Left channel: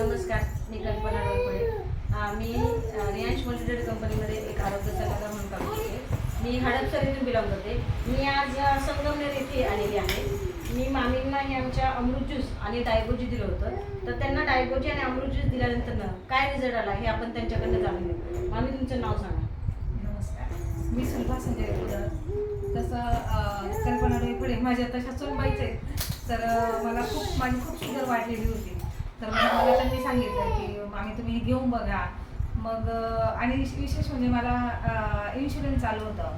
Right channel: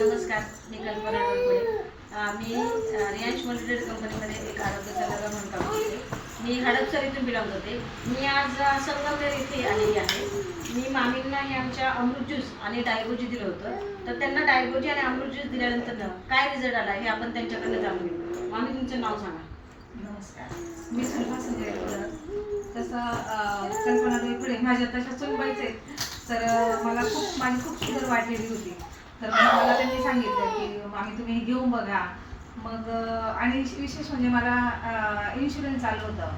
नमस्कार, मी कल्पना डोईफोडे. मी Reliance multitrade कंपनीमध्ये एक आरोग्य सल्लागार म्हणून काम करते. मी हडपसर इथून बिलॉंग करते. मी आज संगमनेर येथे आलेली आहे. मी मामींना हे आमच्या अमृत ज्यूस आणि डायगोजी दिलं होतं. तर त्यांना डायगोजी आणि अमृत ज्यूस दिल्यानंतर काय रिझल्ट आला हे आपण त्यांच्याकडनं जाणून घेऊ. मामी, तुमचं नाव सांगा. नमस्कार, मी सुलभा संजय बोलत. तसं कल्पना डोईफोडे माझ्या तशा सुनबाईच आहेत. तर माझी खूप शुगर वाढलेली होती. तर मग मला त्यांनी सांगितलं की मामी तुम्ही हे घेऊन बघा. मग आणि विशेष म्हणजे मला इन्शुरन्स चालू होतं.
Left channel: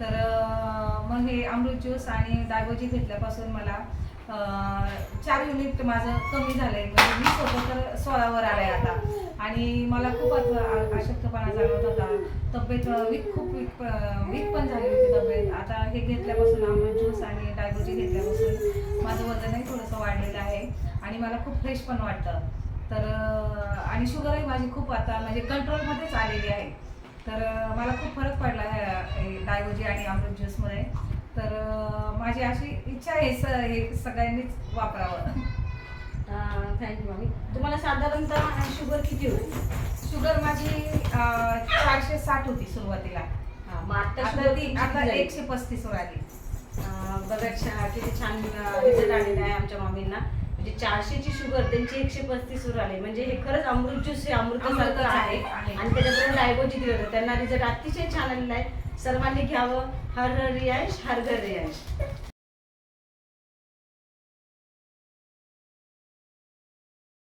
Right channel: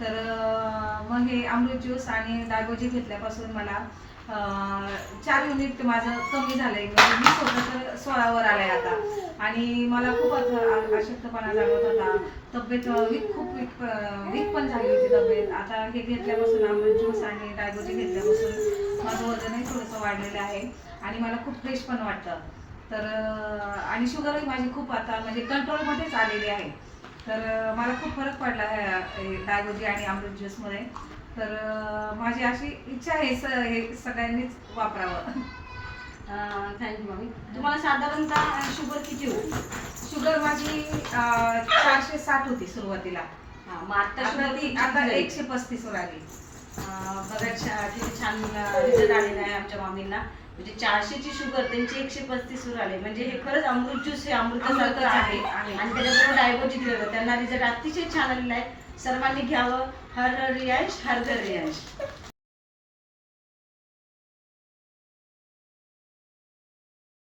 तर मग हे अमृत ज्यूस आणि डायगोजी घेतल्यापासून मला 4 युनिट माझं कमी झालं आहे. म्हणजे 20 होतं तर 16वर आलं आहे आता. आणि मला खूप अशक्तपणा जाणवत होता. तब्येत वीक पण झाली होती तब्येत. आता हे घेतल्यापासून अमृत ज्यूस आणि डायगोजी घेतल्यापासून माझं वजनही थोडंसं वाढलेलं आहे आणि मला खूप फ्रेश पण वाटतं. तर आणि शुगरही माझी खूप आता म्हणजे कंट्रोलमध्येच आलेली आहे. तर मला खूप फरक पडला आहे डायगोजी आणि अमृत ज्यूसमध्ये. तर माझी अशी इच्छा आहे हे सगळ्यांनीच वापरावं. थँक्यू मामी. तुम्हाला साधारणतः शुगर किती होती? शुगर माझी 460 होती सुरुवातीला. मग आता आता 135 वर आली. बघा, किती छान रिझल्ट आलेला आहे आमच्या मामींना. म्हणजे 400ची शुगर त्यांची 135 वर आले. म्हणजे हे खरंच अमृत ज्यूस हे अमृतासारखं आहे. आणि त्याच्याबरोबर डायगोजी दिलं होतं. त्यांना रिझल्ट अतिशय छान आलेला आहे. सर्वांनी घ्यावं. हर हर रियाज, हर घर रियाज.